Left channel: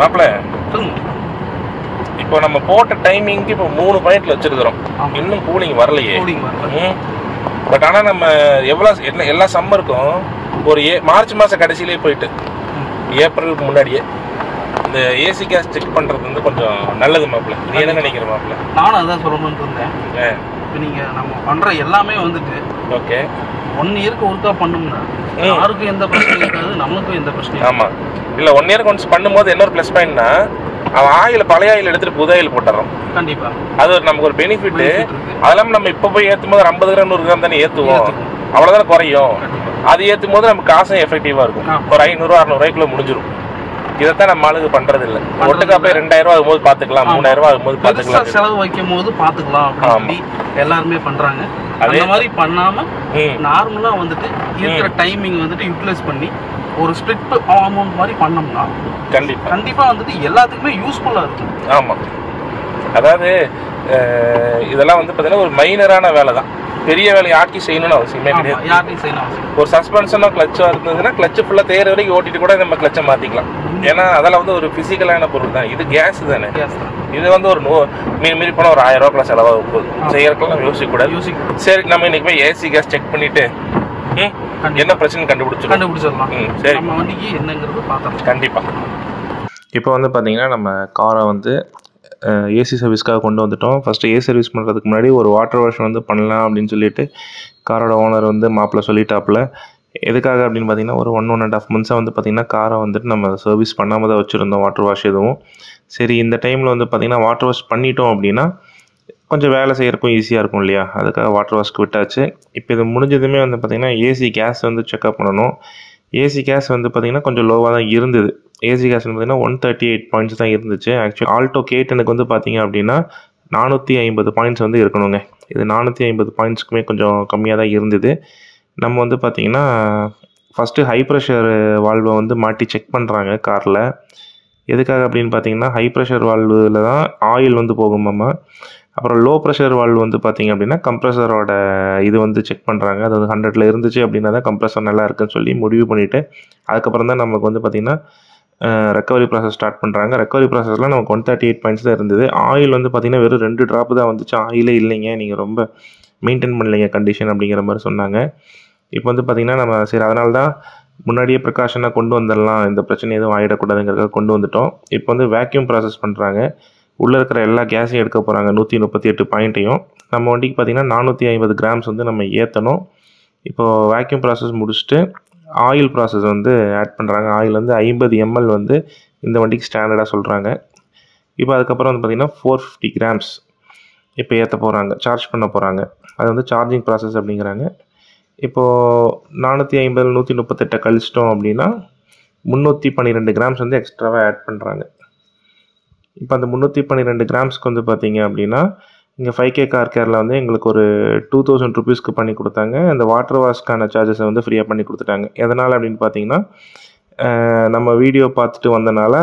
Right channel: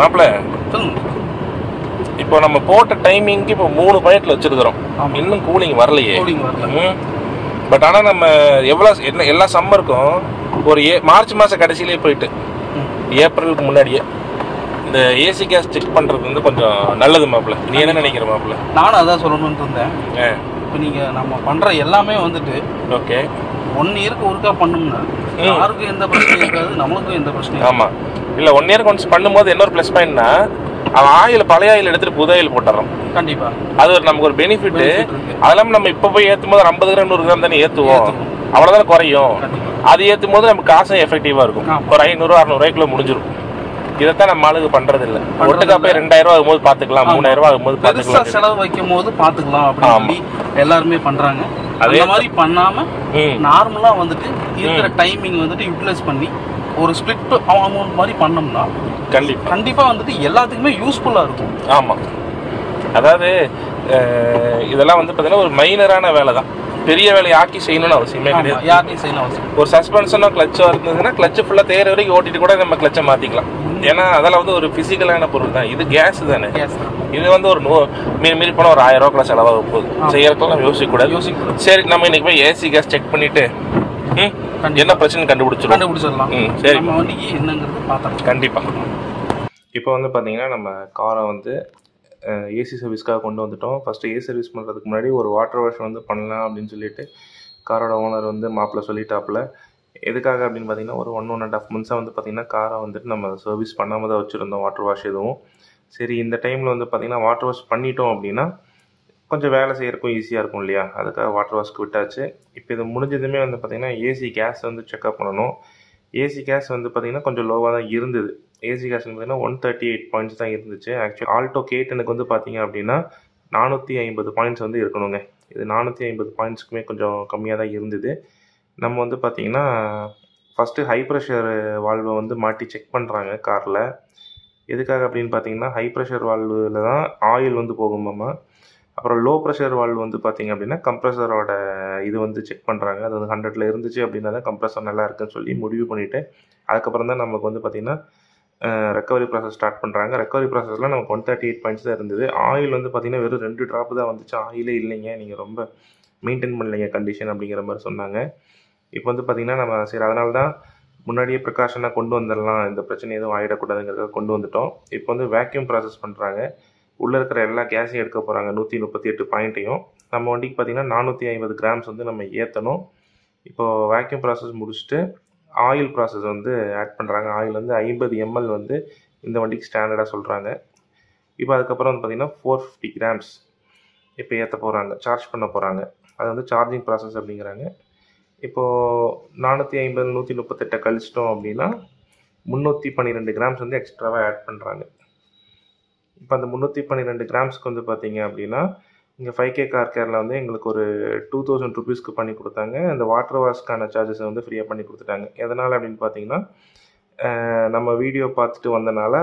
மாப்பிள்ள இப்போ நம்ம போட்ட டைமிங்க்கு இப்போ 3 பாயிண்ட்ல வச்சிருக்கிறோம். இன்னும் கூலிங் வரலையே. பட் ஆனால் நம்ம என்ன எல்லா சம்மருக்கும் ஒரு மார்ச் மாதம் கடைசியிலே போயிட்டு ஏப்ரலுக்கு முன்னாடியே இந்த ஏசி கேஸ் செக் பண்ணுறது வந்து கொஞ்சம் நல்லது மாப்பிள்ள. நீ என்ன நினைக்கிற மாப்பிள்ள? நானும் அதான் சொல்லணும்னு இருந்தேன். இப்போ நீங்கள் நம்ம பண்ணுற எல்லாமே வந்துட்டு ஓகே 1 இயருக்கு ஒருக்கா பண்ணணும்னா யாருக்கும் எந்த பிரச்சனையும் இருக்காது, நமக்கும் எந்த பிரச்சனையும். ஆமாம் இல்லை 1 இயருக்கு ஒன்ஸ் பண்ணும்போது இன்னொரு ப்ளஸ் பாயிண்ட்னா அவன் ஆயில் பழைய ஆயில் எடுத்துட்டு புது ஆயில் போட்டுறோம். கண்டிப்பா அது நமக்கு ஒரு பெனிஃபிட். அதெல்லாம் நம்ம இப்போ போய் ஏற்றும் போது 50 கிராம் 100 கிராம் தானே ஏற்றுவோம், அவ்வளோதானே குறையும். அது ஏற்றும் போது நமக்கு காசும் எஃபெக்டிவாக இருக்கும். ஒரு 500 600 ரூபாய்க்குள்ள முடிஞ்சிடும். இதைத்தான் நம்ம ஆளுக்கு பண்றது இல்லை. ஒட்டுக்கா போய் 2000 ரூபா ஆகும்போது பார்த்துக்கலாம், 3000 ரூபா ஆகும்போது பார்த்துக்கலாம், செலவு வைக்கும் போது பார்த்துக்கலாம் அப்படின்னு எல்லாருமே பண்றாங்க. அதே மாதிரி பண்ணாம நார்மலா வந்துட்டு இருக்கிற டைமிங் வந்துட்டு யூட்டிலைஸ் பண்ணி ஒரு ஸ்பிளிட் அமௌண்ட் மாதிரி பண்ணோம்னா கண்டிப்பா வந்துட்டு எல்லாத்துக்குமே யூஸ்ஃபுல்லா இருக்கும். ஆமா, அதாவது இதெல்லாம் வந்து பார்த்தீங்கன்னா ஒரு மைனரான வேலை தான். பெரிய வேலையை ஆக்கி செய்யணும்னு அவசியமே கிடையாது. யார்ட்டையும் செய்யணும். ஒரு சஸ்பென்ஷனோ கிளச்சோ இருந்ததுன்னா கிளச்சு ஃபுல்லாக தேர வரைக்கும் ஓட்டிட்டு கூட நம்ம கிளச்சை மாற்றிக்கலாம். ஏன்னா அதெல்லாம் வந்து ஒரு ஃபிசிக்கலான பொருள் தான். இது கேஸ் தானே. இது வந்து ஒரு மீறி போனால் ஒரு 1000 ரூபாய்க்குள்ள செலவாக போகுது. செய்யறதுக்கெல்லாம் யோசிக்கக்கூடாது. சரி, நம்ம இன்னைக்கு போய் ஏசி கேஸ் செக் பண்ணிட்டு என்ன பிரச்சனை கண்டுபிடிச்சிடலாம். சரி, கண்டிப்பாக. இப்போ வந்து பார்த்தீங்கன்னா நம்ம காரை வந்து ஏசி சர்வீஸ்க்காக கொண்டு வந்துட்டோம். ஃபஸ்ட்டு ஏசி சர்வீஸ் பண்ணுறதுக்கு முன்னாடி ஒரு வாட்டர் வாஷ் வந்து பண்ணலாம் அப்படின்னு சொல்லிட்டு காரோட ஓனர் வந்து மாப்பிள்ள சொல்லிட்டாப்புல. எதுக்காக அப்படின்னு பார்த்தீங்கன்னா ஒரு 1.5 மந்த்ஸாக வந்து பார்த்திங்கன்னா காரை வந்துட்டு நம்ம சர்வீஸ் பண்ணாமல் தான் வச்சுருந்தோம், வாட்டர் வாஷ் எதுவும். சரி, இந்த டைமில் வந்து பார்த்திங்கன்னா வாட்டர் வாஷ் பண்ணிட்டோம் அப்படின்னா கொஞ்சம் வேலை செய்கிறக்கும் ஈஸியாக இருக்கும் இல்லையா, அதுக்காக வாட்டர் வாஷ்க்கு விட்டாச்சு. இப்போ இது முடிஞ்சதுமே வந்து பார்த்திங்கன்னா ஏசி கேஸ் வந்து செக்அப் பண்ணணும். ஏசி கேஸ் வந்து பார்த்திங்கன்னா கொஞ்சம் லோவாக தான் இருந்தது. ஏசி கேஸ் பார்த்திங்கன்னா 138 பாயிண்ட்ஸ் தான் இருந்துச்சு. ஆக்சுவலி ஆல்டோ K10க்கு வந்து பார்த்திங்க அப்படின்னா 450 பாயிண்ட்ஸ் வந்து இருக்கணுங்க. இது 450 பாயிண்ட்ஸ்க்குமே கொஞ்சம் கம்மியாக தான் இருந்தது. நம்ம வந்து பார்த்திங்கன்னா ஃபஸ்ட்டு ஹை ப்ரெஷர் வால்வை வந்து மாட்டி செக் பண்ணுறாங்க காரில். எதுக்காக அப்படின்னு பார்த்தீங்கன்னா ஹை ப்ரெஷர் வால்வில் தான் ஆயில் வந்து போகுமாம்மா. அப்புறம் லோ ப்ரெஷர் வால்வு வந்து பார்த்திங்க அப்படின்னா கம்ப்ரெசரோட இது வந்து செக் பண்ணுறாங்க. அது வந்து 100ல் இருந்துச்சு அப்படின்னா தான் கம்ப்ரெசர் நல்லா இருக்குன்னு சொல்லி முடிவு பண்ணிவிட்டு அதுக்கப்புறம் தான் நமக்கு வந்து பார்த்திங்கன்னா ரெக்கவரி ப்ராசஸ் ஸ்டார்ட் பண்ணுறாங்க. ரெக்கவரி ப்ராசஸில் நமக்கு 138 பாயிண்ட்ஸ் தான் இருந்தது. ஆயில் வந்து பார்த்திங்கன்னா வெறும் 2 ட்ராப்பு தான் வந்துச்சு. ஆயிலே இல்லைங்க, நீங்கள் ரொம்ப மெயின்டைன் பண்ணலைங்க கண்டிஷன் அப்படிங்கிற மாதிரி சொன்னாங்க. இப்போ வந்து பார்த்திங்கன்னா நம்ம சரி அதனால தான் முன்னாடியே ப்ரிகாஷனாக கொண்டு வந்துடலாம், இந்த பிரச்சனை எதுவும் ஆகிடக்கூடாதுங்கிறதுக்காக கொண்டு வந்துட்டோம். இப்போ வந்து வேக்யூம் ப்ராசஸ் பண்ணுறாங்க. உள்ளே இருக்கிற எல்லா கேஸையும் எடுக்க போகிறாங்க, 138 பாயிண்ட்டையும். நம்ம வண்டிக்கு பார்த்திங்கன்னா 450 கிராம்ஸ் வந்து நம்ம ஏற்றணும். இப்போது வேக்யூம் ப்ராசஸ் முடிச்சுட்டு ஆயில் ப்ராசஸ் வந்து ஆட் பண்ணுறாங்க. ஆயில் வந்து 50 ml வந்து இந்த வண்டிக்கு ஸ்டாண்டர்டாக சொல்கிறாங்க. இப்போ அதுக்கப்புறம் வந்து பார்த்திங்கன்னா 450 கிராம்ஸ் இப்போ ஏற்ற போகிறாங்க, சார்ஜ் பண்ண போகிறாங்க. அது வந்து சார்ஜிங் ப்ராசஸ் அப்படிங்கிறாங்க. இப்போது 450 138 கழிச்சிட்டோம் அப்படின்னா 312 கிராம்ஸ் வந்து எக்ஸ்ட்ராவாக ஆட் பண்ணுறாங்க. இப்போ அந்த 312 கிராம்ஸ்க்கு வந்து பார்த்திங்க அப்படின்னா இங்கே 5K கார் கேரில் வந்து எங்களுக்கு ஒரு 2000 ருபீஸ்க்கு பண்ணி கொடுத்தாங்க. இந்த வாட்டர் வாஷ்க்கான சார்ஜஸை வந்து ஃப்ரீயாக பண்ணி கொடுத்துட்டாங்க. எதனால் அப்படின்னு பார்த்தீங்கன்னா நம்ம வீடியோ பார்த்துட்டு வந்தனால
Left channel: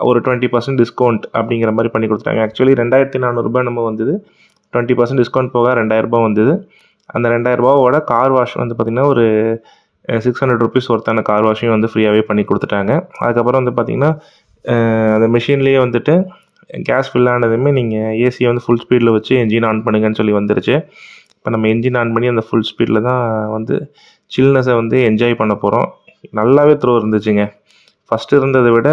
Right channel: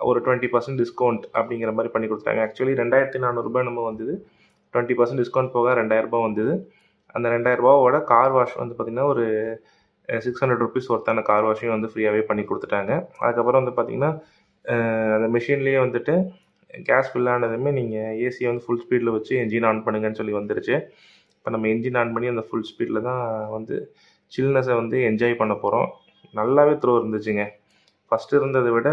ஒரு 20% டிஸ்கவுண்ட் அப்படிங்கிற மாதிரி பண்ணி கொடுத்துட்டாங்க. ஆக்சுவலி 2400 ரூபாய் நம்ம வந்தது, 20% டிஸ்கவுண்ட் போக 2000 ரூபாய் வந்தது. அந்த 2000 ரூபாவோட கார் வாஷ் வந்து பார்த்திங்கன்னா ஒரு 600 ருபீஸ் ஒருத்தான கார் வாஷையும் வந்து ஃப்ரீயாகவே பண்ணி கொடுத்துட்டாங்க. அதுக்கப்புறம் வந்து பார்த்திங்கன்னா அந்த மிஷின்லேயே வந்துட்டு கேஸ் ஃபில் ஆனதுமே நீங்கள் ஏசியை வந்து ஃபுல் ஸ்பீடில் வச்சு என்ஜின் ஆன் பண்ணுங்கன்னு சொல்லி வந்துருச்சு. இப்போ நம்ம என்ஜின் ஆன் பண்ணி அந்த ஃபுல் ஸ்பீடில் தான் வந்து சில்னஸை வந்து என்ஜாய் பண்ண போகிறோம். நல்லாவே த்ரோ இருந்துச்சுங்க. ஃபஸ்ட்டு இருந்ததை விட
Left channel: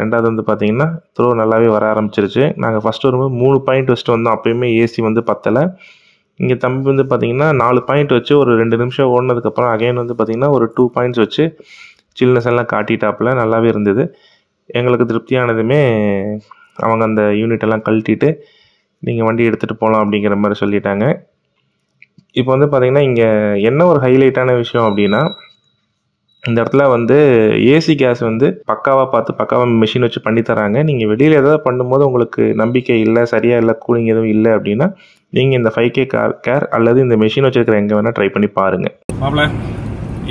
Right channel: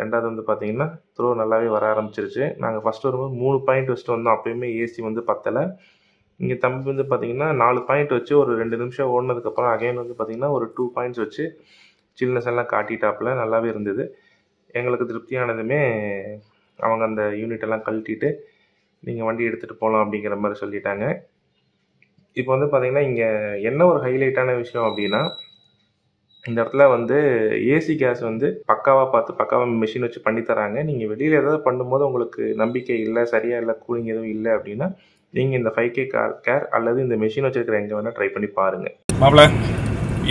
ரெண்டாவது வந்து பார்த்திங்கன்னா த்ரோ நல்லாவே வர ஆரம்பிச்சிருச்சு. நாங்கள் ஃபஸ்ட்டு வரும்போது 3 பாயிண்ட் வச்சுட்டு வந்தோம், அப்போயுமே ஏசி வந்து பத்தலை. இங்கே தம்பி வந்து பார்த்திங்கன்னா 4 பாயிண்ட் வச்சு ஒரு 2 நிமிஷம் ஓடினதுக்கப்புறம் அகைன் வந்து பார்த்திங்கன்னா ஒரு 2 பாயிண்ட்ஸ் வச்சு சில்னஸ் எல்லாம் காட்டிட்டாப்பில் நல்லாவே இருந்தது. எங்களுக்கு திருப்தியானதுமே அவங்க அந்த யூனிட்டெல்லாம் கழட்டிட்டு நீங்கள் வண்டி எடுத்துகிட்டு போகலாம் அப்படிங்கிற மாதிரி சொல்லிட்டாங்க. இப்போ வந்து பார்த்திங்கன்னா இங்கே என்ன ஒரு ஹைலைட்டான விஷயம் அப்படின்னா இந்த இடத்துல வந்து ஏசி கேஸ் வந்து பக்காவாக பார்த்து பக்காவாக மிஷின் வச்சு பண்ணி தராங்க. நீங்கள் வெளியில் ஏதாவது பண்ணும்போது உங்களுக்கு நம்பிக்கை இல்லை, சரியாக இல்லை, கூலிங் எதுவும் இல்லை அப்படின்னா நீங்கள் இந்த 5K கார் கேர் அல்லது இந்த மிஷின் வச்சுருக்கிற எங்கே வேணால் ட்ரை பண்ணி பாருங்கள். மாப்பிள்ள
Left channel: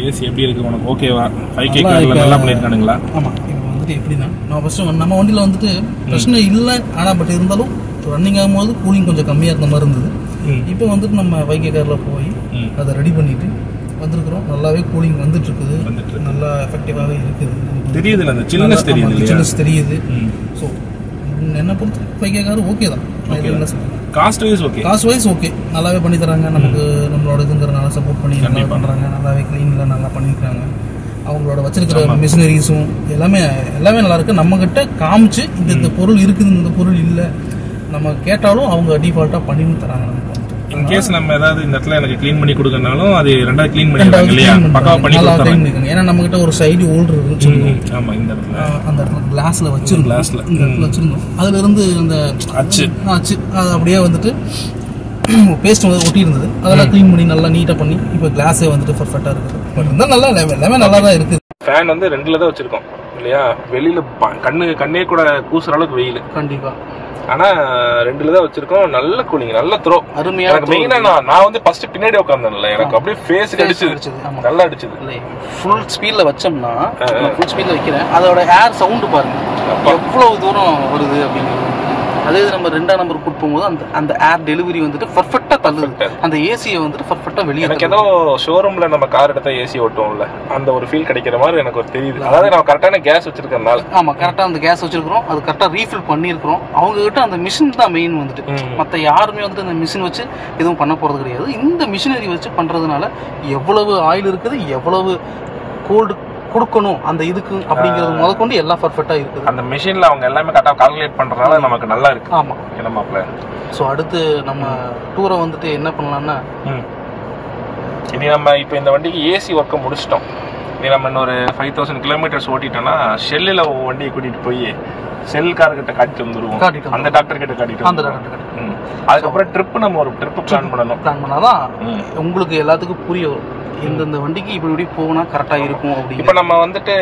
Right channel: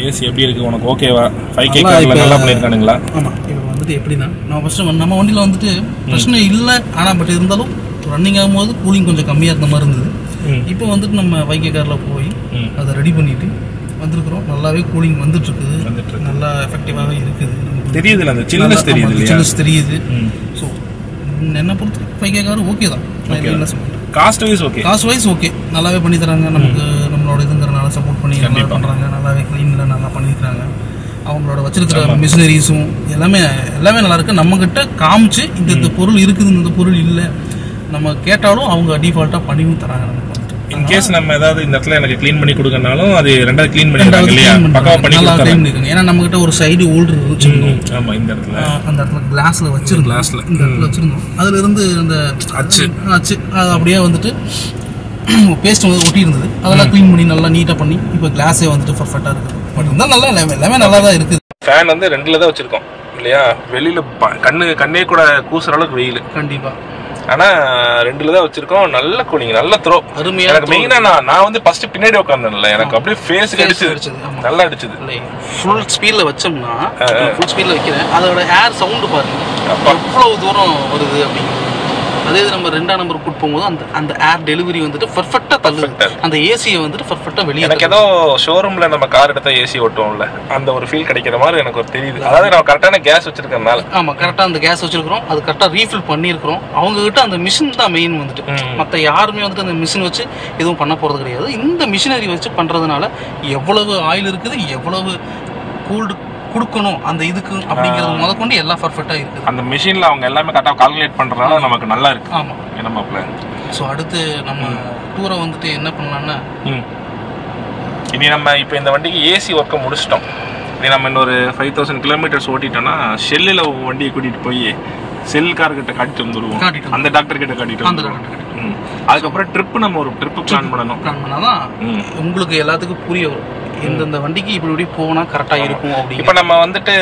ஏசி எப்படி இருக்குது உனக்கு? ஓகேவா? 5K காரில் நல்லா பண்ணியிருக்கானுங்களா? ஆமாம், எப்படின்னா நான் ஃபஸ்ட்டு நம்ம வண்டியில் வந்துட்டு பிரச்சனை இல்லை, ஆனால் பட் இருந்தாலும் ரன்னிங் ஆகும்போது கூலிங் கொஞ்சம் கம்மியாக இருந்த மாதிரி இருந்தது. இப்போ வந்துட்டு நம்ம 5K காரில் போய் அதை ரெடி பண்ணிவிட்டு வந்துருக்குறோம். நல்லாவே கூலிங் வந்துட்டுருக்குது, நல்லா எஃபெக்டிவாகவே இருக்குது. நம்ம தெரியுதுல, அந்த சில்னஸ் தெரியுது இல்லையா? சில்னஸ் தெரியுது. ஸோ என்ன பொறுத்து 5K கார் ஓகே தான். என்ன சொல்லுங்கள், cost wise okay, cost wise okay, நல்லாவே பண்ணி தராங்க. நமக்கு நம்மளோட இதுங்கிறனால சப்போர்ட் பண்ணி நல்லா பண்ணுறாங்க. நல்லாவே க்ளீனில் நல்லா பண்ணியிருக்காங்க. அவங்களோட வச்சிருக்கிற மிஷினரிஸும் எல்லாமே நல்லா இருக்கு. நம்ம கிட்ட காமிச்சு இந்த பொருள் இருக்குது, இந்த பொருள் இல்லை நம்ம கேட்டாலும் அவங்க டிஃபால்ட்டாக பண்ணியும் தராங்க. நமக்கு இன்கேஸ் நம்ம ஏதாவது இந்த இடத்துல எனக்கு க்ளீன் பண்ணி கொடுக்கறனாலும் அது ரெண்டாவது க்ளீன் பண்ணிடுறாங்க இல்லையா? பக்காவா பண்ணி கொடுத்தாங்க. ஏன்னா நம்ம கிட்ட ஒரு சைடு ஹோல்டர் இருந்துச்சு. ஆமா, இந்த இடத்துல அந்த இடத்துல கிளாஸ்ல வச்சிருந்தோம். இந்த இடத்துல வச்சிருந்தோம். அதுல இருந்து அந்த அச்சு அது அப்படியே வந்துட்டு பேஸ்ட் வந்து ஒட்டி இருந்தது. அதெல்லாம் க்ளீன் பண்ணி நல்லா நீட்டா பண்ணி இப்போ கிளாஸே வந்துட்டு பர்ஃபெக்ட்டா இருக்குது. பட் இருந்தாலும் நல்லா எல்லாமே நல்லா தான் இருக்குது. ஃபேன் வந்து 2ல தான் வச்சிருக்கோம் இல்லையா? வெளியில கண்ணே கூட கூசுற அளவுக்கு வெயில் கண்டிப்பா. ஆனா 2ல தான் வச்சிருக்கோம். நல்ல கூலிங், நல்ல த்ரோ, அருமையா. எனக்கு மெயினா நான் வந்து ஃபர்ஸ்ட் பின்னாடி உட்கார்ந்தேன்ல, எனக்கு அப்படியே ஃபேஸ்க்கு அடிச்சது, நல்லா அடிச்சது. ஃபுல் ஸ்பீட்ல வச்சோம்னா, ஃபுல் ஸ்பீட்ல வைக்கிறேன், அதோட ஏர் சவுண்ட் பாருங்க எவ்வளவு தூரம் வருது அப்படிங்கிறது. அதே நம்ம 2ஆம் நம்பர் கூட்டு போகும்போது அந்த ஏர் டெலிவரி வந்துட்டு பர்ஃபெக்ட்டா தள்ளுது. அந்த ஏசியை வந்துட்டு பர்ஃபெக்ட்டா வெளியே. எனக்கு ஏதோ ஷோரூம்ல நம்ம கார் எடுத்தா ஏசி ஓட்டுவோம்ல, அந்த ஒரு ஃபீல் கிடைக்கிற மாதிரி எனக்கு ஒரு தெரியுது. அதாவது நம்ம கரெக்டான கேஸ் வச்சிருக்கறனால. ஆமா, கரெக்டா அந்த கேஸ் வச்சிருக்கிறோம், அது கரெக்டா ரீஃபில் பண்ணியிருக்கிறோம். அவங்க கிட்ட அந்த மிஷின் தான் மெயின் வந்துட்டு. மற்ற யாருமே வந்துட்டு அந்த மிஷின் வச்சு எதுவும் பண்ண போறது கிடையாது. இந்த மிஷினரி வச்சு பண்றதுனால எவ்வளவு ஆயில் இருக்குது, எவ்வளவு கோல்டு கொடுக்கணும் அந்த இதுக்கு அப்படிங்கிறது முதற்கொண்டு எல்லாம் பர்ஃபெக்ட்டா இருக்குது. அந்த மிஷின்ல அவங்க எல்லாமே கரெக்டா கால்குலேட் பண்றதுனால நமக்கு நல்லா இருக்கு. ஆமா, என்னமா பிளான்? ஸோ அடுத்து நம்ம டூரை வந்துட்டு என்ன பண்ணலாம்னா, இனி நம்ம இப்போ இந்த வண்டிக்கு ஏசி ஒர்க்கை முடிச்சிட்டோம். இனி நம்ம இன்னொரு 5000 கிலோமீட்டர்ஸ் ஓட்டிட்டோம்னா ஷெல்லில் வண்டியை கூட்டிட்டு போய் செல் கார்கிட்ட காட்டிட்டு வந்துடுவோம். அந்த டாக்டர் கிட்ட காட்டிட்டு அந்த டாக்டர். அதுக்கப்புறம் ட்ரிப் நம்ம ஒரு ட்ரிப் பிளான் பண்ணாதான் உங்களுக்கு எல்லாத்துக்கும் புரிய வரும். எந்தெந்த வண்டிக்கு இப்படி போனா கரெக்டா இருக்கும் அப்படி. இப்போ நம்ம வந்துட்டு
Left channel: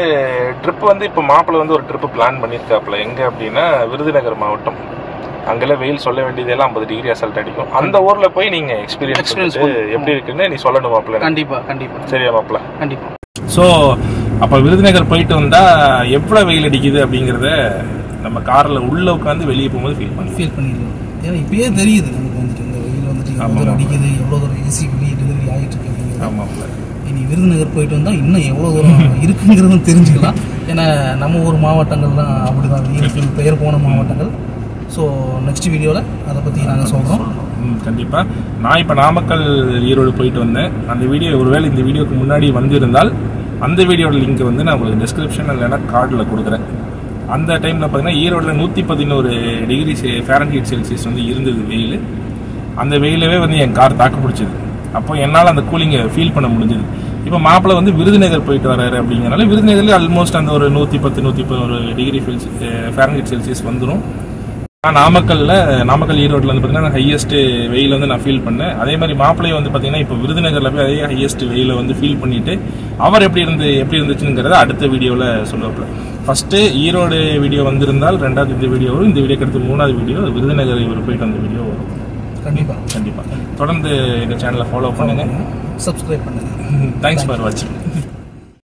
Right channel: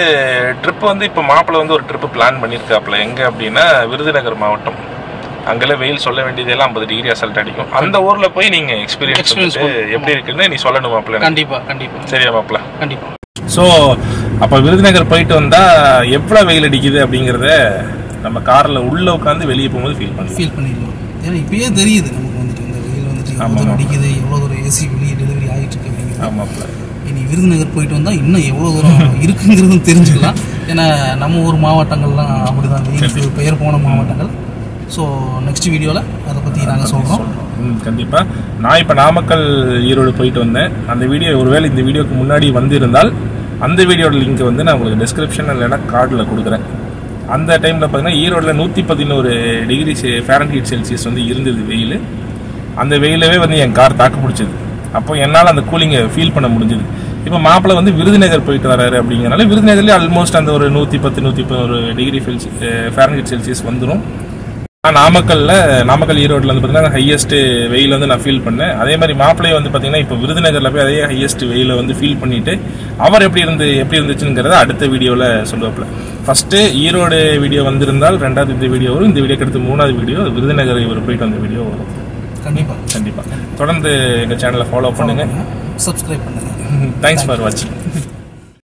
ட்ரிப் வந்து இப்போ மாப்பிள்ள வந்து ஒரு ட்ரிப் பிளான் பண்ணியிருக்காப்புல. எங்க அப்படின்னா விருதுநகர் மாவட்டம். அங்கெல்லாம் வெயில் சொல்ல வேண்டியதெல்லாம் 50 டிகிரி அசல்ட் அடிக்கும். அந்த ஊர்ல போய் நீங்க எக்ஸ்பீரியன்ஸ் எப்படி இருக்குன்னு நீ சொல்லணும் மாப்பிள்ள. கண்டிப்பா கண்டிப்பா. சரியா மாப்பிள்ள? கண்டிப்பா. ஸோ அப்போ விருதுநகர் போயிட்டு வந்தா எவ்வளவு வெயில் அடிக்குது அப்படிங்கிறத நம்ம கார்ல உள்ள உட்காந்து வெளியே போகும்போது ஃபீல் பண்ணிடலாம். ஏன்னா இப்பயே தெரியுது நமக்கு வந்துட்டு இந்த வெயில் வந்துட்டு எவ்வளோ அடிக்குது, எவ்வளோ ஒரு ஏசி வெளியே டெலிவரி ஆகிட்டு இருக்கு அப்படிங்கிறது. ஆமாம், இனி விருதுநகர் போயிட்டு வந்தால் இன்னும் எவ்வளோ தூரம் இருக்குங்கிறதும் தெரிஞ்சுக்கலாம். ஏன்னா நம்ம ஊர் மாவட்டங்கள்லாம் அப்படிதான் வெயிலுக்கு பெயர் போன மாவட்டங்கள். ஸோ நெக்ஸ்ட் வீடியோவில் அதை பற்றி நாங்கள் சொல்கிறோம். கண்டிப்பாக. நான் இப்போ நாமக்கல் ஈரோடு போயிட்டு வந்தேன். அந்த வீடியோ ஒருவேளை இந்த வீடியோக்கு முன்னாடி வந்திருந்தால் அந்த வீடியோட லிங்க் வந்து நான் உங்களுக்கு டிஸ்கிரிப்ஷன் இல்லைன்னா கார்டில் கொடுக்குறேன். அந்த டைமில் பார்த்தீங்கன்னா ஈரோடில் 111 டிகிரி ஃபாரன்ஹீட் செல்சியஸ் வந்து இருந்தது வெயில். அந்த வெயிலவே வந்து என் கார் தாக்கு பிடிச்சது. அப்போ என்னால் அந்த கூலிங்கை ஃபீல் பண்ண முடிஞ்சது. இப்போ மாப்பிள்ளை வந்து விருதுநகர் போயிட்டு வராரு அப்படிங்கிறனால விருதுநகர்லேயே ஆல்மோஸ்ட் அந்த ஒரு 110-111 டிகிரி ஃபாரன்ஹீட் செல்சியஸ் வந்துடும். நாமக்கல் ஈரோட்டில் வந்து பார்த்தீங்கன்னா ஹையஸ்ட் வெயில் வந்து நான் ஃபீல் பண்ணேன். அதே மாதிரி மாப்பிள்ளையை வந்து பார்த்தீங்கன்னா இப்போ விருதுநகரில் போய் அதே ஹையஸ்ட் வெயிலை வந்து ஃபீல் பண்ணிட்டு அவர் எப்படி இருந்துச்சுங்கிறத அடுத்த வீடியோவில் சொல்லுவாப்புல. ஃபர்ஸ்ட்டு ஈரோடு வீடியோ வந்திருந்தால் 2வது இந்த வீடியோ வரும். இந்த வீடியோக்கு அடுத்து 3வது வீடியோ விருதுநகர் இவர் போயிட்டு வந்த வீடியோ வரும். கண்டிப்பாக தொடர்ந்து எங்கள் சேனலை ஃபாலோ பண்ணுங்கள், சப்ஸ்கிரைப் பண்ணுங்கள். தேங்க்ஸ் ஃபார் வாட்சிங்.